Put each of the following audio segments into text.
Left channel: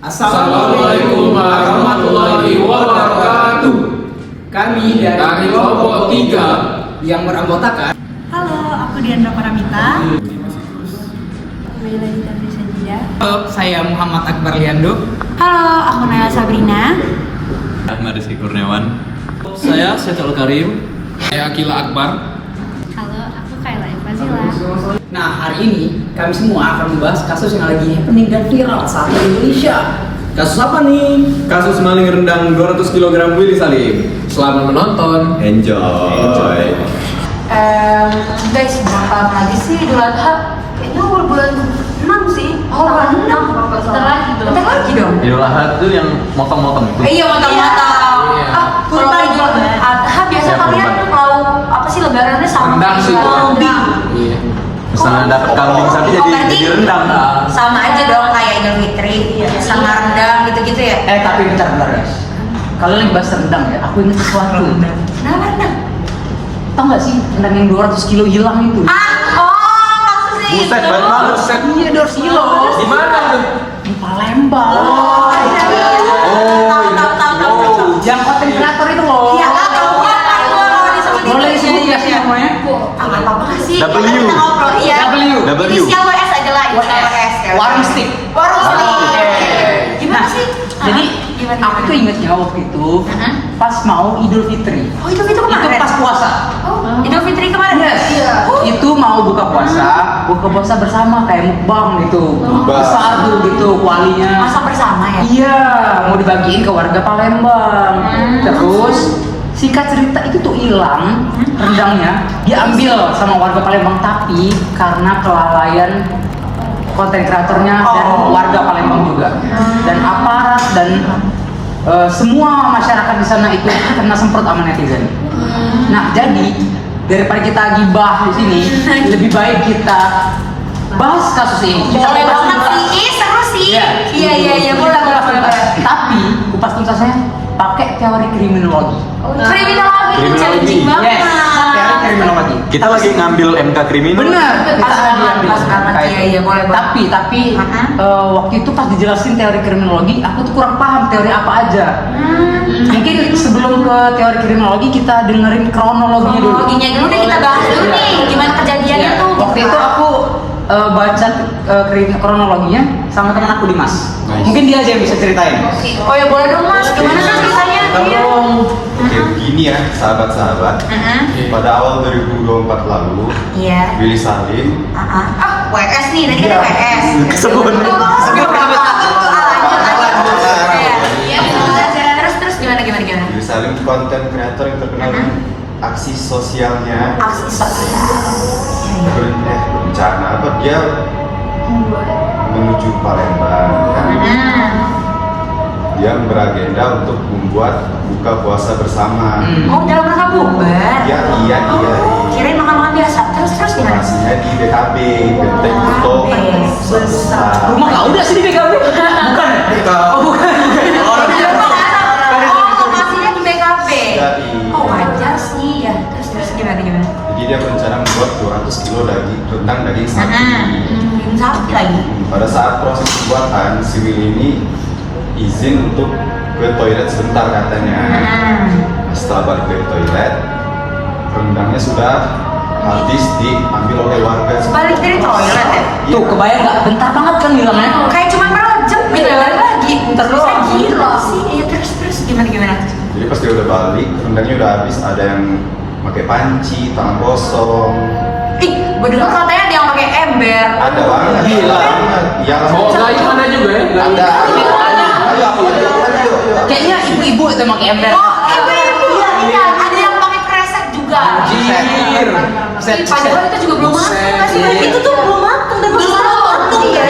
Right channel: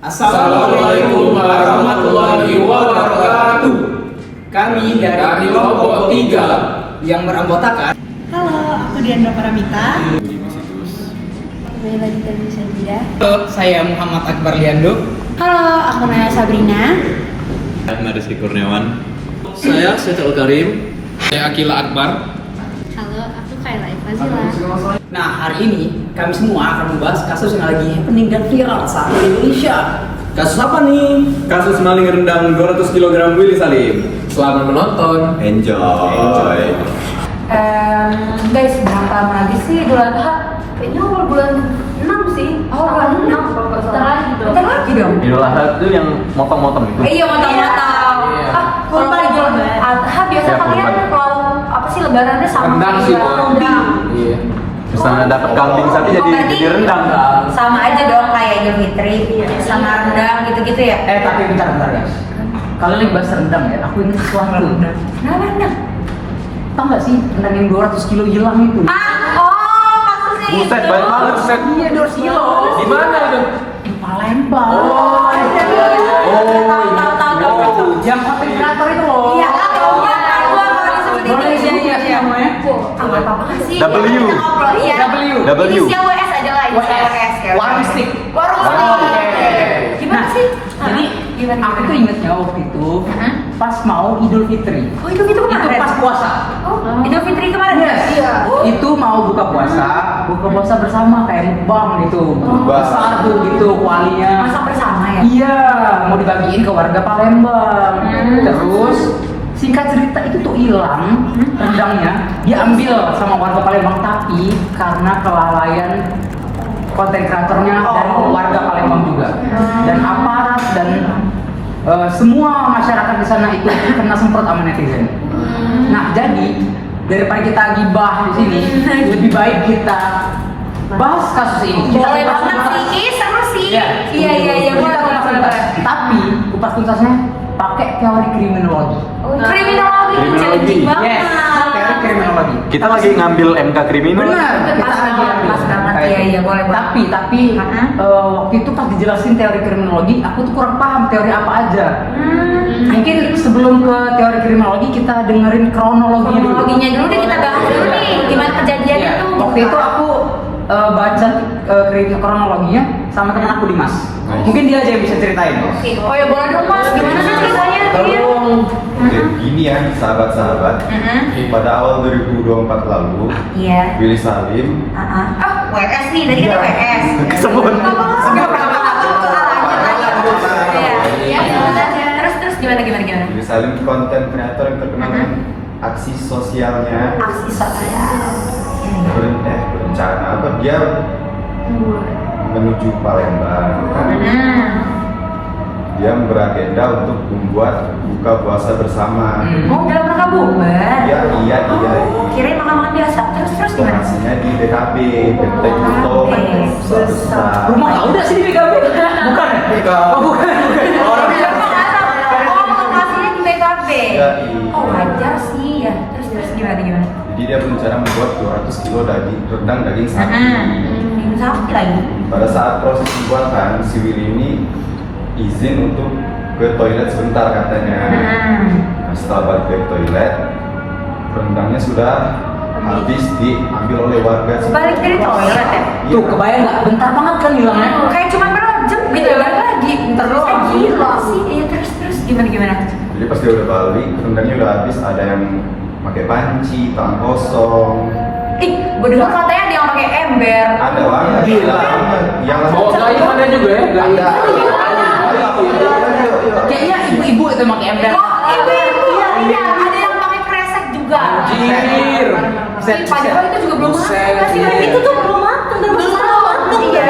Assalamualaikum warahmatullahi wabarakatuh. Kami dari kelompok 3 yang beranggotakan. Halo, aku Diandra Paramita. Kembali lagi dari Saja. Halo, saya Muhammad Akbar Liando. Halo, aku Naya Sabrina. Ahmad Rizky Kurniawan. Saya Setul Karim. Saya Akila Akbar. Halo, aku Kaila Ifazila. Nah, hari ini kami semua akan membahas kasus yang lagi happening dan viral saat ini di Indonesia. Kasus apa nih? Kasus maling rendang 200 kg Willy Salim. Selamat menonton. Enjoy. Guys, berapa lagi sih Idul Adha? Kayaknya bulan 6 sih. Oh, bulan 6. Bentar lagi dong. Bentar lagi dong. Idul Adha itu yang motong-motong itu. Iya, motong-motong. Iya. Kalau Idul Adha biasa Iya, kalian kurban. lauk apa sih lebarannya sama Rendang kayak sih, Idul Adha? Bang. Rendang. Iya. Misalnya dapat kambing sapi Oh, berarti jadi rendang. sama aja dong kayak Idul Fitri sama rendang gitu-gitu ya. Tapi bentar guys. Kalian lagi bahas rendang ya? Aku ingat sesuatu. Kenapa rendang? Tahu nggak sih rendang yang 200 kilo hilang itu? Maksudnya itu. Buset, banyak banget. Buset. Iya, 200 kilo. Di mana tuh? Di Palembang. Oh, iya. Tahu. Yang konten kreator itu loh. Iya, tahu ya. Gua kalau disebut itu. Boleh sih Iya. semuanya. Nggak apa-apa sih. W. Kita ngobrol. Iya. W. Inisial WS aja lah. Inisial WS. Warung stick. Warung stick. Gimana sih? Jadi Gimana? aku tuh ingetnya waktu itu pas mau Idul Fitri. Oh, Idul Fitri Itu kemarin. pas puasa. Oh, Idul Fitri kemarin. Yes. Iya. Itu mau buka puasa bersama kayak mukbang gitu. Mukbang. Satu gitu kualinya. Masak bersama ya? Iya, mau dibagiin ke warga Palembang. Terus singkat cerita itu tuh hilang rendangnya, diambil sama warga Palembang tapi karena kelalaian konten kreatornya dan warga Palembang juga dan aparat dan semua masyarakat di sana itu kena semprot sama netizen. Nah, jadi daripada kita gibah di sini, lebih baik kita bahas kasus ini. Boleh banget sih. Seru sih. Iya, boleh. Tapi kupas tuntasnya pakai teori kriminologi. Kriminologi itu challenging banget. Teori kriminologi. Kita lagi ngambil MK kriminal. Benar. Pas banget. Iya, boleh. Tapi waktu itu pas dijelasin teori kriminologi, aku tuh kurang paham teori apa aja. Mungkin sebelum ke teori kriminologi kita dengerin kronologi dulu. Kronologinya dulu deh, kita bahas dulu nih. Gimana kejadiannya tuh? Waktu itu aku baca kronologinya sama teman aku Dimas. Mungkin dia aja yang bisa ceritain. Oh ya, boleh dong Mas. Gimana sih ceritanya? Iya. Gini ya, sahabat-sahabat. Pada awal 2024 lalu, Iya. Willy Salim WS nih, tadi kan WS. Kesebut. Terus gimana? Willy Salim konten kreator yang terkenal dengan aksi sosialnya. Aksi sosial. Berencana apa? Dia menuju Palembang. Dia beragenda untuk membuat buka puasa bersama. Oh, dalam rangka bubar? Iya. Kirain makan-makan biasa. Terus gimana? Lokasinya di BKB, Benteng Kutub, besar. Rumah kau udah sih di BKB? Bukan. Lokasinya di BKB. Iya. Oh, wajar sih ya. Terus gimana? Jadi dia berencana membuat 200 kilo rendang daging sapi. Sapi lagi. Pada saat proses pembuatan, si Willy ini izin untuk ke toilet sebentar katanya. Setelah balik ke toilet, rendangnya sudah habis diambil oleh warga. Balik dari toilet ya? Tuh, kebayang nggak? Bentar banget kan hilangnya. Kayak cuma berapa jam gitu ya, balik lagi. Terus Gila sih. Iya, terus gimana? Jadi pas dia udah balik, rendangnya udah habis. Ada yang pakai panci, tangan kosong. Ih, gue dengar katanya dia yang pakai ember. Ada banget. Gila. Yang Bawa gayu mana juga ya? Gayu. Kayaknya ibu-ibu itu pakai ember. Oh, iya. Ada yang pakai kresek juga. Anjir. Ih, padahal itu juga belum matang nggak sih? Buset. Itu tuh belum matang dan belum matang ya.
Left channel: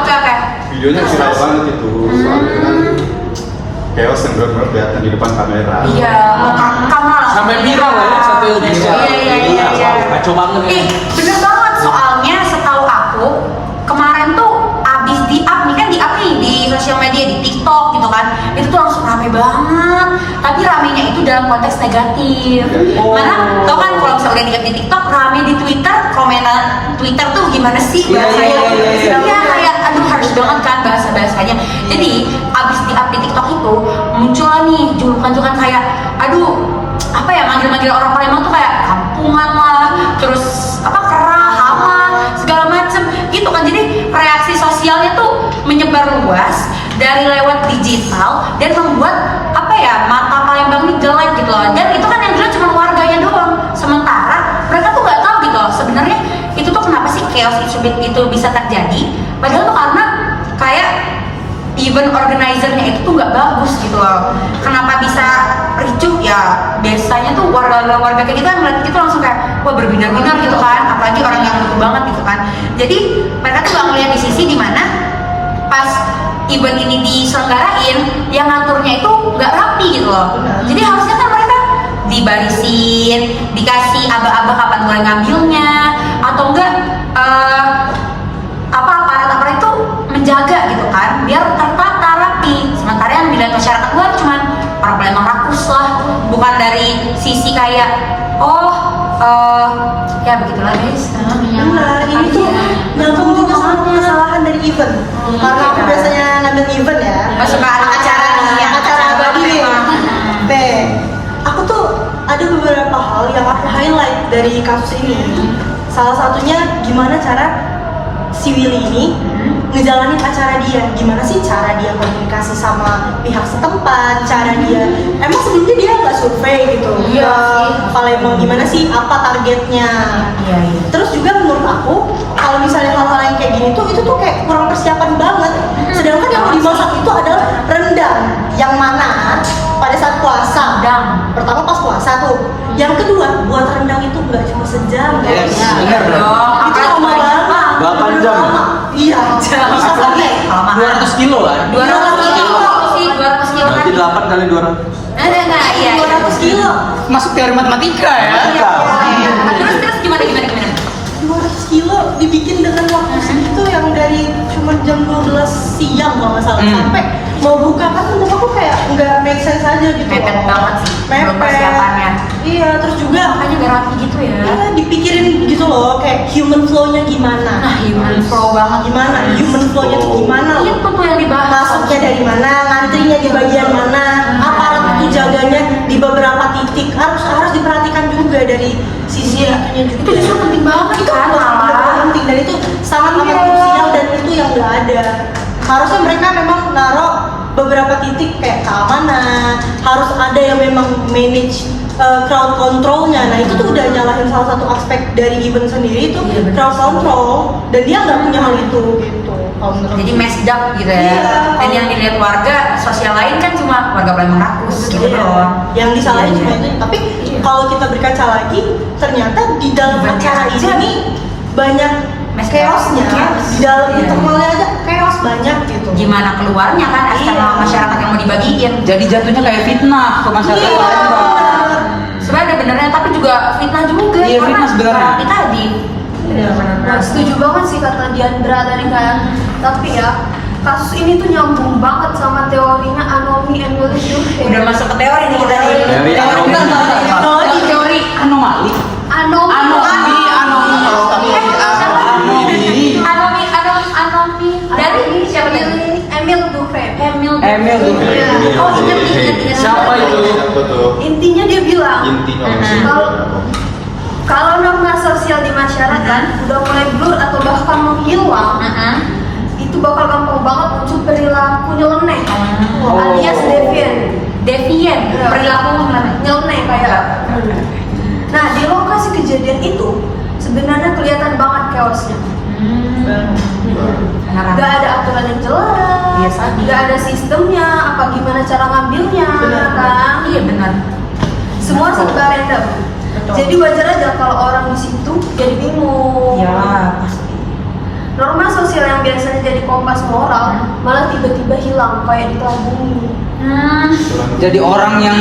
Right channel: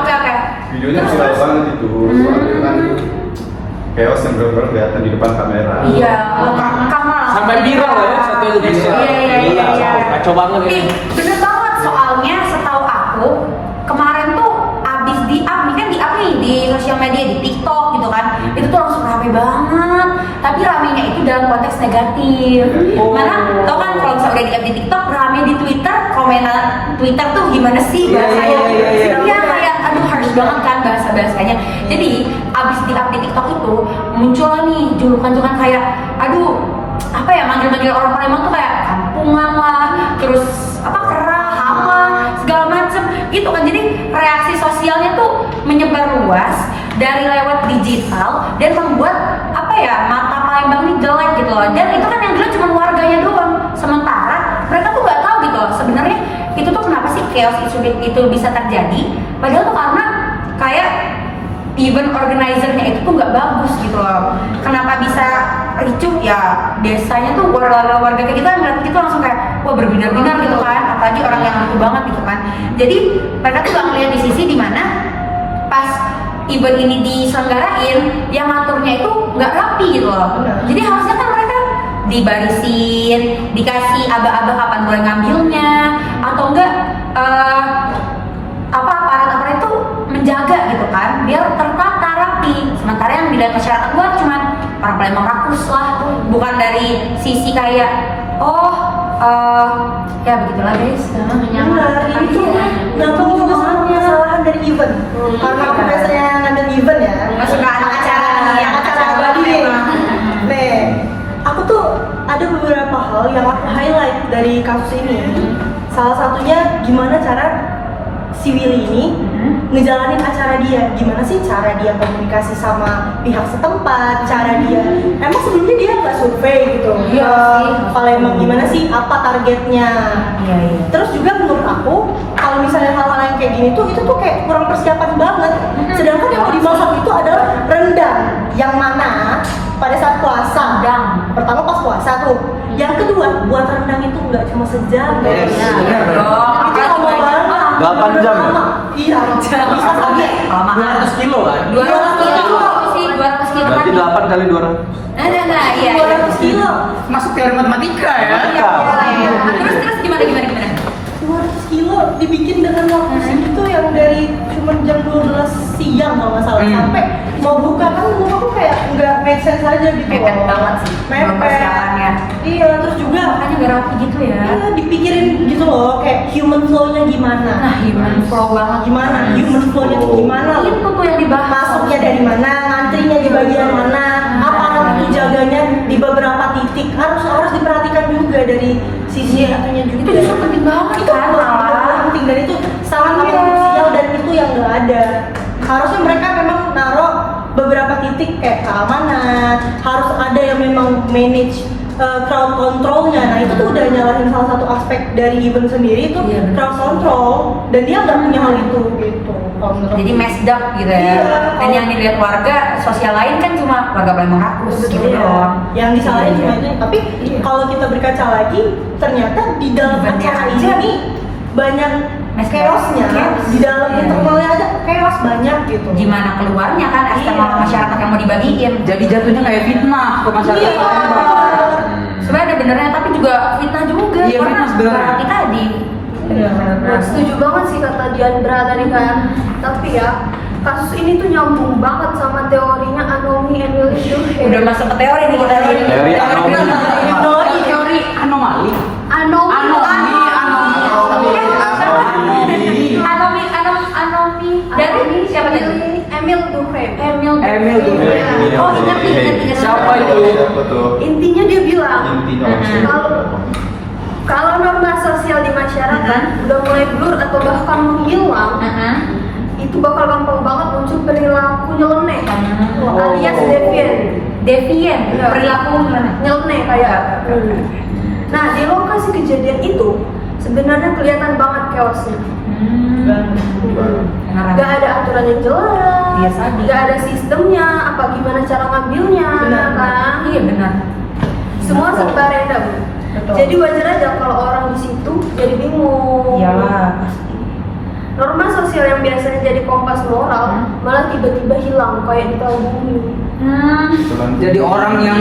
Oke. videonya viral banget itu. Soalnya kan chaos yang benar-benar kelihatan di depan kamera. Iya, kamu Sampai viral ya satu Indonesia. Iya. Kacau banget ya. Ih, bener banget. Soalnya setahu aku kemarin tuh abis di-up nih, kan di-up nih di sosial media, di TikTok gitu kan. Itu tuh langsung rame banget. Tapi ramenya itu dalam konteks negatif. Mana tau kan kalau misalnya udah di-up di TikTok, rame di Twitter, komenan Twitter tuh gimana sih bahasanya? Iya, kayak aduh harsh banget kan bahasa-bahasanya. Jadi abis di-update TikTok itu muncul nih julukan-julukan kayak, aduh apa ya, manggil-manggil orang Palembang tuh kayak kampungan lah, terus apa kerah, hama, segala macem gitu kan. Jadi reaksi sosialnya tuh menyebar luas dari lewat digital dan membuat apa ya, mata Palembang ini jelek gitu loh. Dan itu kan yang dilihat cuma warganya doang, sementara mereka tuh nggak tahu gitu loh sebenarnya itu tuh kenapa sih chaos itu bisa terjadi. Padahal tuh karena kayak event organizer-nya itu tuh nggak bagus gitu loh. Kenapa bisa ricuh ya, biasanya tuh warga-warga kayak gitu yang ngeliat gitu langsung kayak wah berbinar-binar gitu kan, apalagi orang yang butuh banget gitu kan. Jadi mereka tuh gak ngeliat di sisi dimana pas event ini diselenggarain yang ngaturnya itu nggak rapi gitu loh. Jadi harusnya kan mereka dibarisin, dikasih aba-aba kapan mulai ngambilnya, atau enggak aparat-aparat itu menjaga gitu kan, biar tertata rapi. Sementara yang dilihat masyarakat luar cuman orang Palembang rakus lah, bukan dari sisi kayak ya begitulah guys. Benar, ini tuh nyambung juga sama kesalahan dari event. Karena aku biasanya ngambil event ya. Masuk ke anak acara nih, yang acara abadi nih. Nih, aku tuh ada beberapa hal yang aku highlight dari kasus ini. Salah satunya gimana cara si Willy ini ngejalanin acara dia, gimana sih cara dia komunikasi sama pihak setempat, cara dia emang sebelumnya dia nggak survei gitu Palembang gimana sih, apa targetnya. Terus juga menurut aku kalau misalnya hal-hal yang kayak gini tuh itu tuh kayak kurang persiapan banget. Sedangkan yang mau dimasak itu adalah rendang, yang mana pada saat puasa, pertama pas puasa tuh, yang kedua buat rendang itu nggak cuma sejam guys, itu lama banget, 8 jam ya? iya, bisa lagi 200 kilo kan? 200 kilo sih, 200 kilo Berarti kan. 8 kali 200. Nah, iya. 200 kilo, Masuk teori matematika ya. Terus gimana? 200 kilo dibikin dengan waktu segitu yang dari cuma jam 12 siang kalau nggak salah sampai mau buka kan menurut aku kayak nggak make sense aja gitu. Mepet banget sih, belum persiapannya. Iya, terus juga Makanya gak rapi gitu ya. dipikirin gitu loh, kayak human flow-nya gimana. Nah, human flow banget. Gimana? Human flow-nya tuh gimana loh? Itu tuh yang dibahas. Masuknya dari mana, ngantrinya di bagian mana, aparat itu jaganya di beberapa titik harus diperhatikan juga dari sisi itunya juga. Itu justru penting banget Itu kan, benar-benar malah. penting dan itu sangat krusial dan itu yang nggak ada. Harusnya mereka memang naruh beberapa titik kayak keamanan, harus ada yang memang manage crowd controlnya. Nah itu tuh udah nyalahin salah satu aspek dari event sendiri itu crowd control, dan dia nggak punya hal itu gitu. Jadi messed up gitu ya. Iya. Dan yang dilihat warga sosial lain kan cuma warga Palembang rakus gitu Iya. doang. Yang disalahin cuma Iya. itu. Tapi kalau kita berkaca lagi, ternyata di dalam Eventnya acara aja. ini banyak chaosnya. Chaos. Di dalam Iya. internalnya aja chaos banyak gitu. Gimana keluarnya kan eksternal Iya. masyarakat yang mau dibagiin. Jadi jatuhnya kayak fitnah ke masyarakat Iya. Palembang. Sebenarnya ada benernya tapi juga fitnah juga Iya, karena fitnah sebenarnya. rapi tadi. Nah, setuju banget sih kata Diandra tadi kan. Tapi ya, kasus ini tuh nyambung banget sama teorinya Anomi Emil itu. Udah masuk ke teori nih kita nih. Teori anomi. Teori Anomali. Anomi. Anomi dari siapa tadi? Emil Durkheim. Emil Durkheim. Iya. Oh, ingat. Siapa itu? Betul. Intinya dia bilang Intinya kalau norma sosial di masyarakat udah mulai blur atau bahkan menghilang, itu bakal gampang banget muncul perilaku nyeleneh alias deviant Perilaku nyeleneh kayak. Nah, di lokasi kejadian itu sebenarnya kelihatan banget chaosnya. Gak ada aturan yang jelas, Iya, tadi. gak ada sistemnya, apa gimana cara ngambilnya, kan? Iya benar. Semua serba random. Betul. Jadi wajar aja kalau orang di situ jadi bingung. Iyalah pasti. Norma sosial yang biasanya jadi kompas moral malah tiba-tiba hilang kayak ditabungi. Jadi orang yang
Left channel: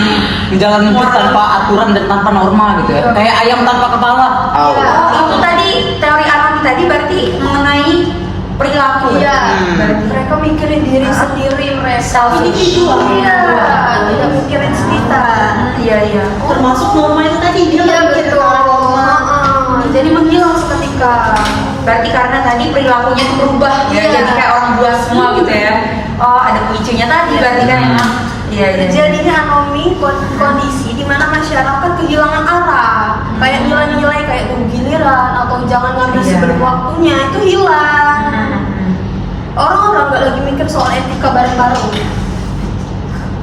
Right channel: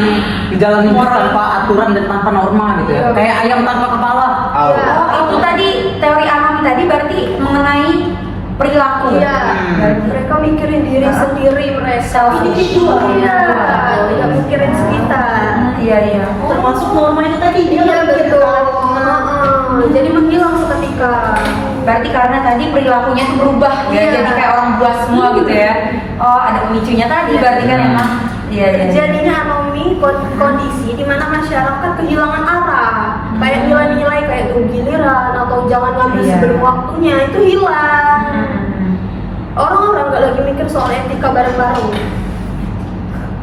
menjalani hidup tanpa aturan dan tanpa norma gitu ya. Iya. Kayak ayam tanpa kepala. Iya. Oh, itu tadi teori Anomi tadi berarti mengenai perilaku. Iya, Berarti mereka mikirin diri sendiri mereka. Self-individual. Iya, tidak mikirin sekitar. Iya. Termasuk norma itu tadi dia Iya nggak mikir betul. ke arah norma. Jadi menghilang seketika. berarti karena tadi perilakunya tuh berubah ya, Iya. jadi kayak orang buas semua gitu ya. Oh, ada pemicunya tadi berarti kan emang. Iya, iya. Terjadinya anomi kondisi di mana masyarakat kehilangan arah, kayak nilai-nilai kayak tunggu giliran atau jangan ngambil Iya. sebelum waktunya itu hilang. Orang-orang nggak lagi mikir soal etika bareng-bareng,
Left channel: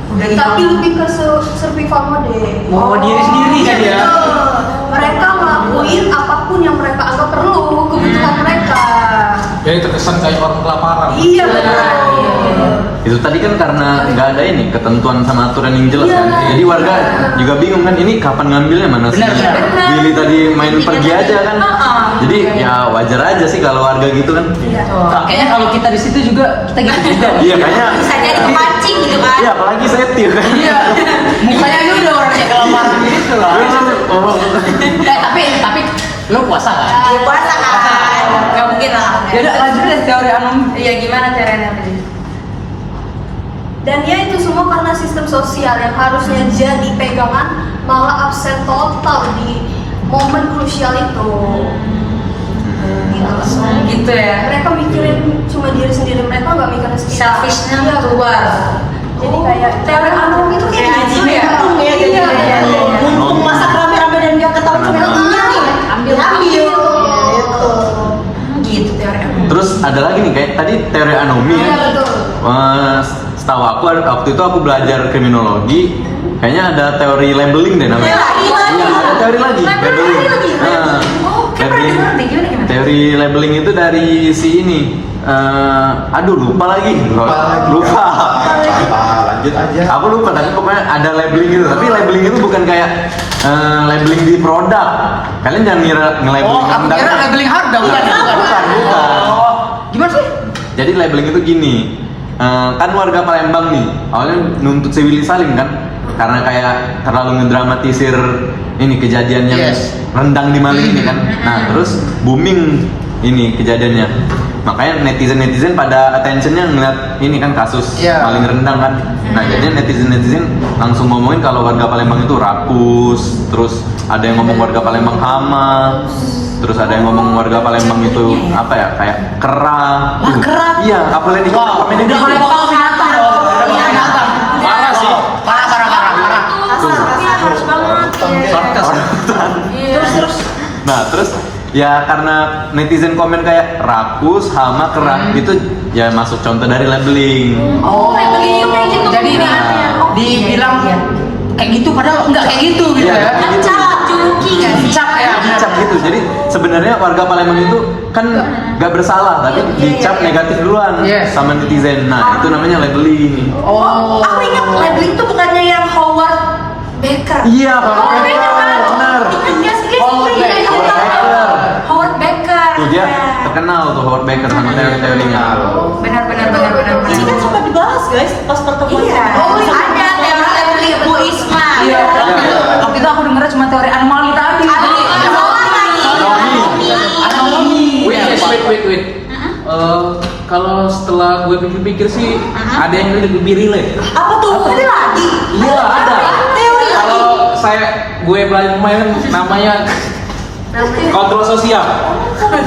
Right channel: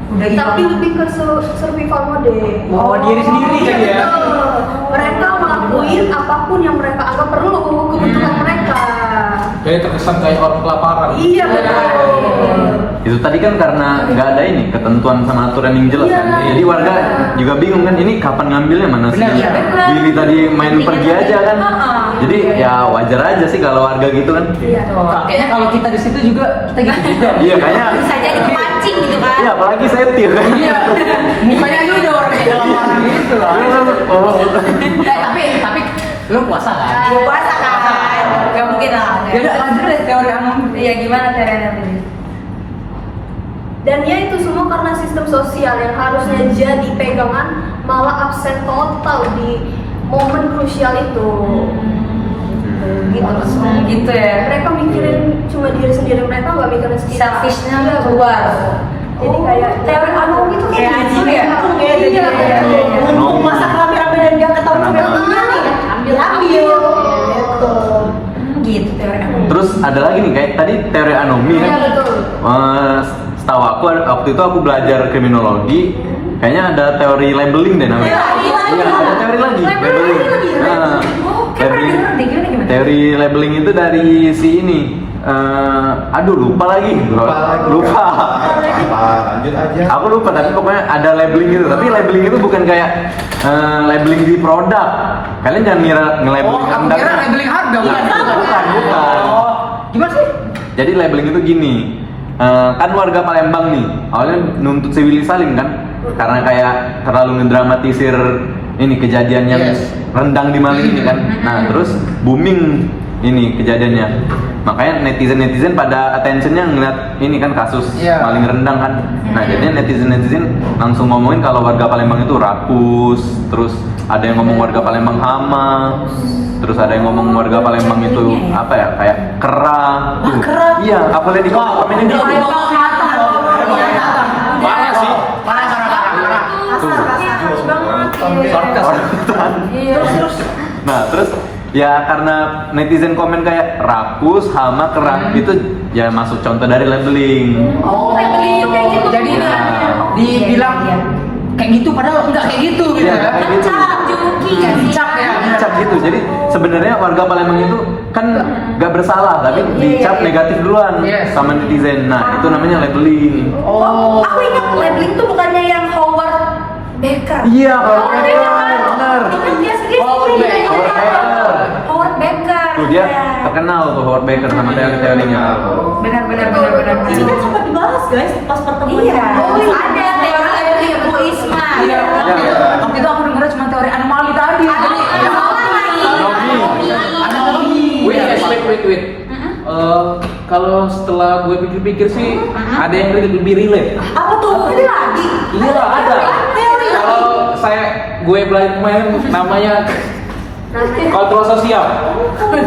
Udah gitu. tapi lebih ke survival mode. Oh, diri sendiri Iya kan ya. betul. Mereka ngelakuin apapun yang mereka anggap perlu kebutuhan mereka. Jadi terkesan kayak orang kelaparan. Iya betul. Itu tadi kan karena nggak ada ini ketentuan sama aturan yang jelas Iya. kan. Jadi warga juga bingung kan ini kapan ngambilnya mana sih? Benar, benar. Billy tadi main Intinya pergi tadi. aja kan. Jadi ya wajar aja sih kalau warga gitu kan. Iya. Kayaknya kalau kita di situ juga kita gitu juga. Iya kayaknya. Bisa jadi kepancing gitu kan. Iya apalagi setir kan. Iya. Mukanya aja udah orangnya kelaparan gitu lah. Oh. Tapi lo puasa kan? Ya puasa kan. Gak mungkin lah. Ya udah lanjut deh teori anomi. Iya, gimana caranya tadi? Dan ya itu semua karena sistem sosial yang harusnya jadi pegangan malah absen total di momen krusial itu. Gitu lah. Gitu ya. Mereka mikirin cuma diri sendiri, mereka nggak mikirin sekitar. Selfishnya Iya, keluar. Jadi kayak Teori anomi itu kayak gitu ya. Iya, iya, iya. Mumpung masak rame-rame dan gak ketahuan cuma nih ya. Ambil. Gitu. Gitu teori anomi. Terus ada lagi nih kayak tadi teori anomi Iya ya. betul. Setahu aku waktu itu aku belajar kriminologi, kayaknya ada teori labeling deh namanya. Iya, ada teori lagi. Labeling lagi. Nah, Oh, kayak pernah dengar deh. Gimana? teori labeling itu dari si ini. Aduh lupa lagi. Lupa. Apa? Lanjut aja. Aku lupa tapi pokoknya ada labeling itu. Tapi labeling itu bukan kayak labeling di produk. Kalian jangan nge-labeling Oh, aku produk. kira labeling harga bukan. Bukan. Oh, gimana sih? Jadi labeling itu gini, kan warga Palembang nih, awalnya nuntut si Willy Salim kan, karena kayak terlalu mendramatisir ini kejadian yang Yes. rendang di Mali ini kan. Nah terus booming ini kejadiannya, makanya netizen pada attentionnya ngeliat ini kan kasus Iya. maling rendang kan. Nah jadinya netizen langsung ngomongin kalau warga Palembang itu rakus, terus ada yang ngomong warga Palembang hama, terus ada yang ngomong warga Palembang itu apa ya kayak kerang. Iya, apalagi di komen ini. Udah mulai kelihatan. Parah sih. Harus banget. Sarkas. Iya. Nah, terus ya karena netizen komen kayak rakus, hama, kerang itu ya masuk contoh dari labeling. Oh, labeling itu kayak gitu. Jadi ini Oh, dibilang iya. kayak gitu padahal enggak kayak gitu gitu Iya. ya. Kan cap juluki kan sih? Dicap ya. Dicap gitu. Jadi sebenarnya warga Palembang itu kan nggak bersalah, tapi dicap negatif duluan Yes. sama netizen. Nah, itu namanya labeling. Oh, aku ingat labeling itu bukannya yang Howard Baker. Iya, Howard Baker kan? benar. Ingat nggak sih? Howard Iya, Baker. Howard Howard Baker. Tuh dia Iya. terkenal tuh Howard Baker sama teori-teorinya. Benar. Ini kan sempat dibahas guys pas pertemuan. Iya. Oh, iya. Ada teori labeling Bu Isma. Iya. Iya. Waktu itu aku dengarnya cuma teori anomali tadi. Anomi. Wait. Kalau setelah gue pikir-pikir sih ada yang lebih relate. Apa tuh? Ada lagi? Iya ada. Kalau gue belajar kemarin namanya kontrol sosial.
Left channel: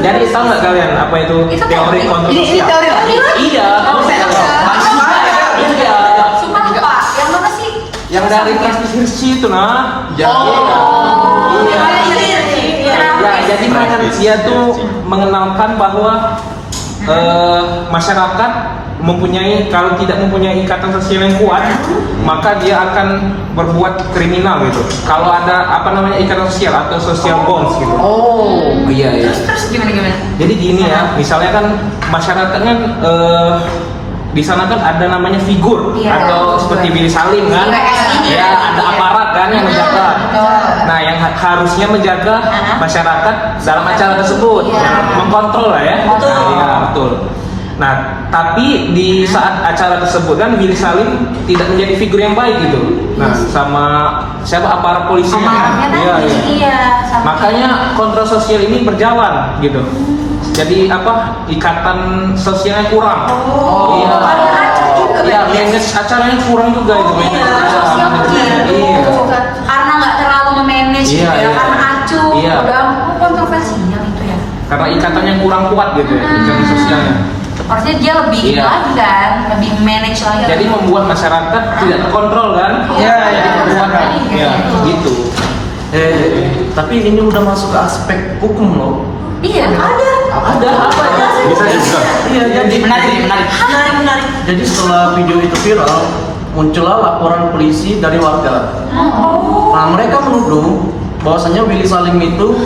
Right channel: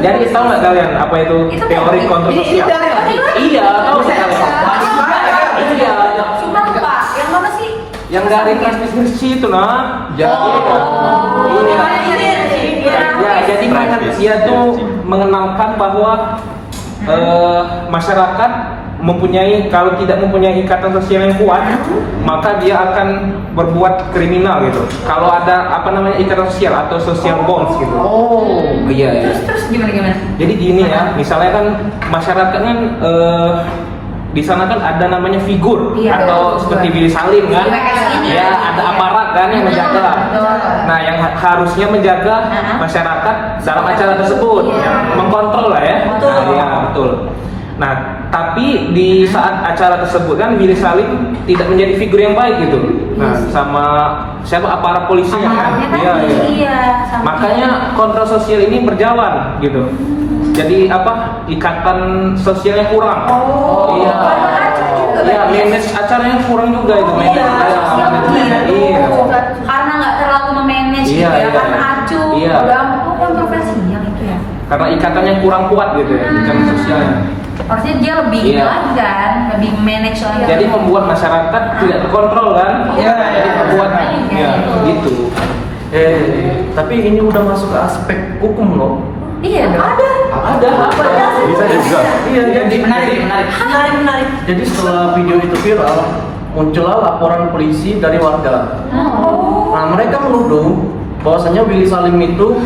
Jadi tahu nggak kalian apa itu Itu teori kontrol Ini sosial? teori lagi. Iya, tahu nggak kalian? Iya. Sumpah lupa. Yang mana sih? Yang dari transmisi itu nah. Iya. Ya, jadi dia tuh mengenalkan bahwa masyarakat kalau tidak mempunyai ikatan sosial yang kuat, maka dia akan berbuat kriminal gitu. Kalau ada ikatan sosial atau social bonds gitu. Oh. Iya. Terus gimana? Jadi gini ya, misalnya kan masyarakat kan di sana kan ada namanya figur Iya. atau seperti Willy Salim kan, Iya. ya ada aparat kan yang menjaga. Nah yang harusnya menjaga masyarakat dalam acara tersebut, Iya. yang mengkontrol lah ya. Betul. Iya betul. Nah tapi di saat acara tersebut kan Willy Salim tidak menjadi figur yang baik gitu. Nah sama siapa aparat polisinya kan? Aparatnya tadi. Iya. sama Makanya kontrol sosial ini berjalan gitu. Jadi ikatan sosialnya kurang. Iya. Iya, manage acaranya kurang juga itu manage. Iya. karena nggak terlalu memanage Iya, gitu ya, iya. karena acuh, Iya. udah kontroversial itu ya. karena ikatannya kurang kuat gitu ya, ikatan sosialnya. Harusnya dia lebih Iya. lagi kan, lebih manage lagi. Jadi membuat masyarakat tidak terkontrol kan? Iya. Jadi membuat ya gitu. Tapi ini udah masuk ke aspek hukum loh. Iya dong. Ada apa? Bisa juga. Iya, jadi Menarik. jadi setelah video itu viral, muncullah laporan polisi dari warga. Nah, mereka menuduh bahwasanya Willy Salim itu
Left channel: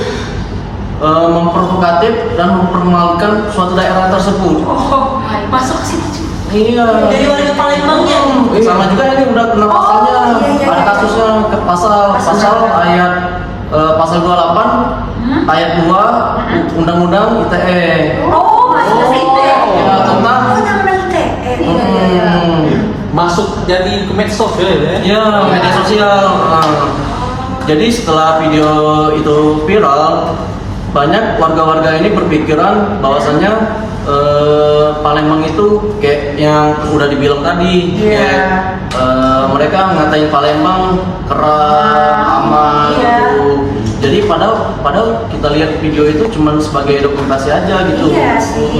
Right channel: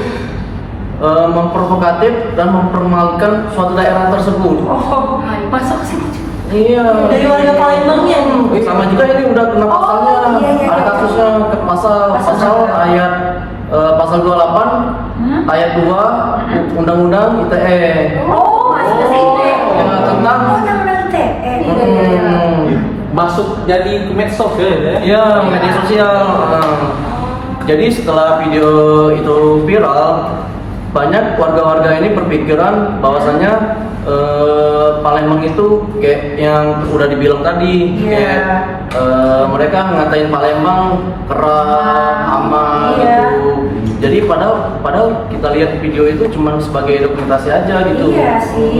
memprovokatif dan mempermalukan suatu daerah tersebut. Oh, masuk ke situ juga. Iya. Dari warga Palembangnya. Sama juga ini udah kena pasalnya. iya. Ada kasusnya ke pasal ayat pasal 28 ayat 2 Undang-Undang ITE. Oh, masuk ke situ ya. Ya, tentang Oh, undang-undang ITE. Masuk jadi ke medsos ya. ya media sosial. Jadi setelah video itu viral, banyak warga-warga ini berpikiran bahwasannya Palembang itu kayak yang udah dibilang tadi, Iya. kayak mereka ngatain Palembang keras, aman gitu. Jadi padahal kita lihat video itu cuma sebagai dokumentasi aja gitu. Iya sih.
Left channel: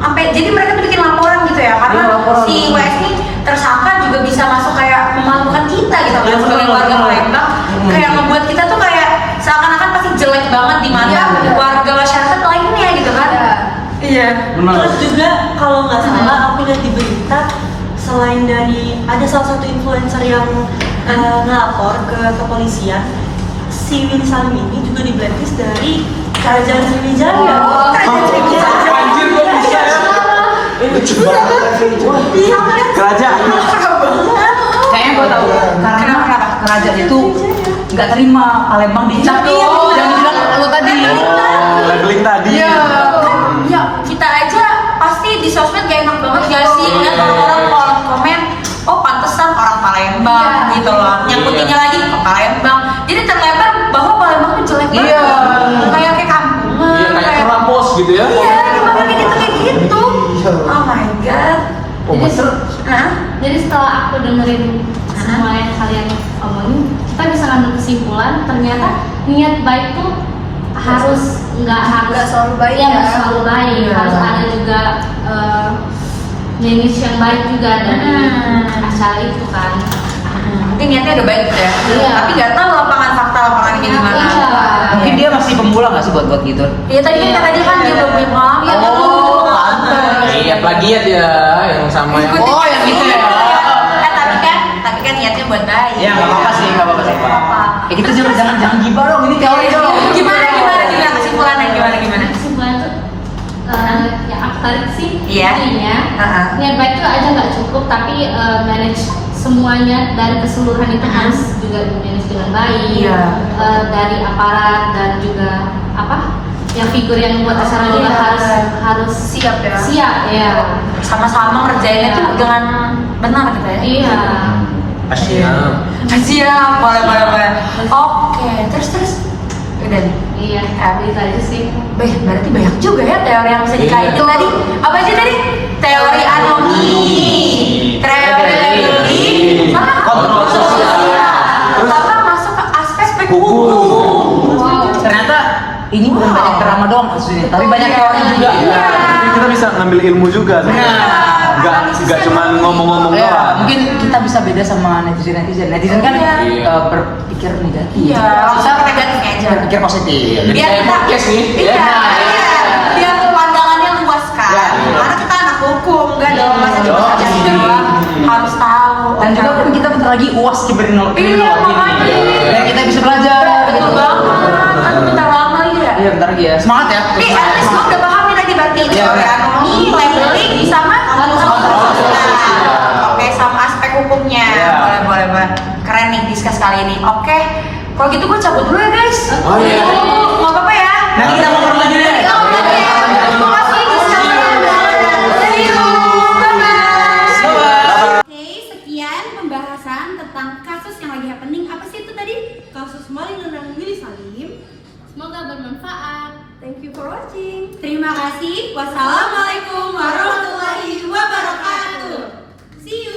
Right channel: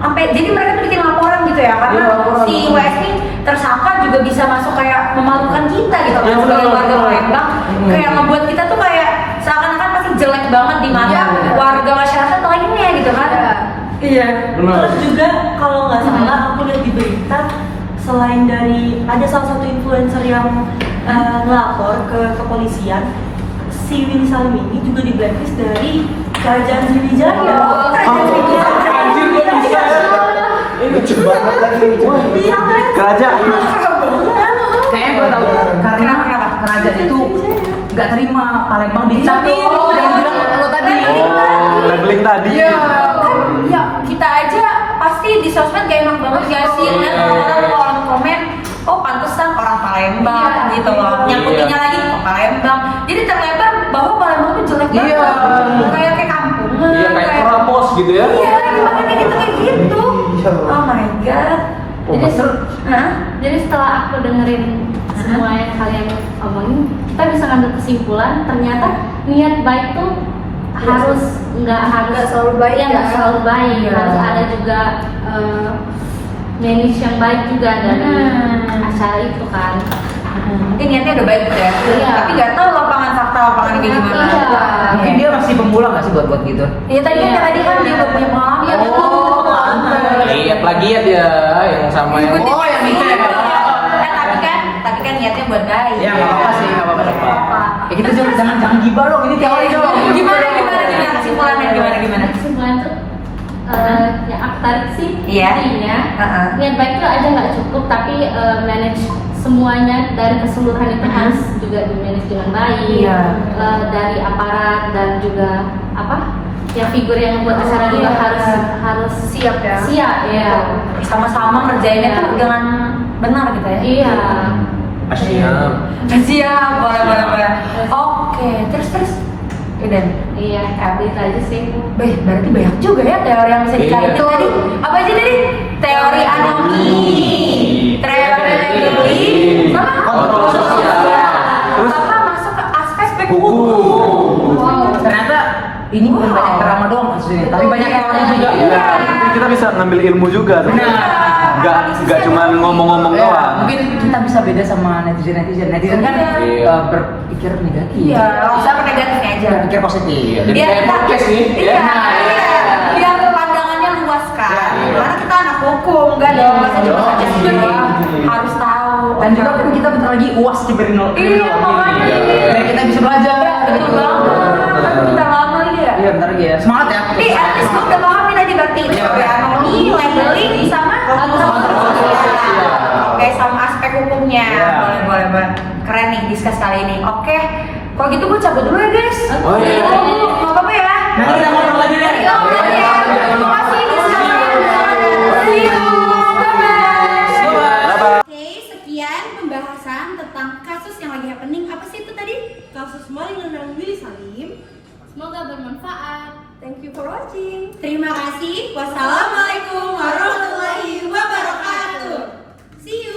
Sampai jadi mereka tuh bikin laporan gitu ya, karena Iya, laporan. si WS ini tersangka juga bisa masuk kayak memalukan kita gitu kan, Iya, benar, sebagai warga benar. Palembang, kayak ngebuat kita tuh kayak seakan-akan pasti jelek banget di mata warga masyarakat lainnya gitu kan. Iya. Benar. Terus juga kalau nggak salah aku lihat di berita, selain dari ada salah satu influencer yang ngelapor ke kepolisian, si Willy Salim ini juga di blacklist dari kerajaan Sriwijaya. Oh, kerajaan Sriwijaya. Anjir kok bisa ya? Lucu banget lagi. Kerajaan. Kayaknya gue tahu. Kenapa? Kerajaan itu nggak terima Palembang dicap. Yang bilang lo tadi. Labeling tadi. Iya. Kan ya kita aja pasti di sosmed gak enak banget gak sih ngeliat orang-orang kolom komen, oh pantesan orang Palembang gitu loh, nyangkutinnya lagi ke Palembang, jadi terlebar bahwa Palembang tuh jelek banget, kayak kampungan, Iya kayak kerapos gitu ya. iya gimana kayak gitu, oh my god. Jadi setelah aku dengerin semua yang kalian omongin, kita bisa ngambil kesimpulan ternyata niat baik tuh nggak selalu baik ya, ya. nggak selalu baik. Iya. Harus ada juga manage yang baik juga dari acara itu kan. Mungkin niatnya udah baik gitu ya, Iya. tapi nggak tahu lapangan ini gimana. Iya. Mungkin dia masih pemula nggak sih buat gitu? Iya tadi kan kata dia kan dia belum punya pengalaman. Iya, betul. Iya plagiat ya yang sama yang. Ikutin Oh, yang itu ya. Tapi kan niatnya buat baik. Ya nggak apa-apa sih, nggak apa-apa. Apa? Ya kita jangan gibah dong, ini teori dong. Gimana kesimpulannya gimana? Kesimpulan tuh yang aku tarik sih Iya. intinya Heeh. niat baik itu aja nggak cukup, tapi manage semuanya dari keseluruhan itu harus juga di manage dengan baik. Iya. Dari aparat dan juga yang figur yang buat acara juga harus Siap ya. siap ya. Sama-sama ngerjainnya tuh dengan benar gitu ya. Iya. Siap, boleh. Oke, terus. Udah nih. Iya, itu aja sih. Berarti banyak juga ya teori yang bisa dikaitin Iya. tadi. Apa aja tadi? Teori anomi, teori teori, sama Kontrol sosial. sama masuk ke aspek hukum. Wow. Ternyata ini bukan banyak drama doang kasusnya, tapi banyak teori juga. Iya. Kita bisa ngambil ilmu juga sebenarnya. Nggak cuma ngomong-ngomong Ya, doang. mungkin kita bisa beda sama netizen kan Iya. berpikir negatif. Iya, langsung ke negatifnya aja. Berpikir positif. Jadi Biar kayak kita podcast nih. Iya. Biar pandangannya luas kan. Karena kita anak hukum, enggak dong. Masa cuma aja doang. Harus tahu. Dan juga kan kita bentar lagi UAS kiberino. Iya, makanya. Dan kita bisa belajar. Betul banget. Kan bentar lama lagi ya. Iya, bentar lagi ya. Semangat ya. Tapi at least gue udah paham nih tadi berarti teori anomi, labeling, sama Oke, sama aspek hukumnya. Boleh. Keren nih discuss kali ini. Oke, kalau gitu gue cabut dulu ya guys. Oh, iya. Nggak apa-apa ya. Nanti kita ngomong lagi deh. Terima kasih discussnya. See you. Bye-bye. Oke, sekian pembahasan tentang kasus yang lagi happening. Apa sih itu tadi? Kasus maling dan Willy Salim. Semoga bermanfaat. Thank you for watching. Terima kasih. Wassalamualaikum warahmatullahi wabarakatuh. See you.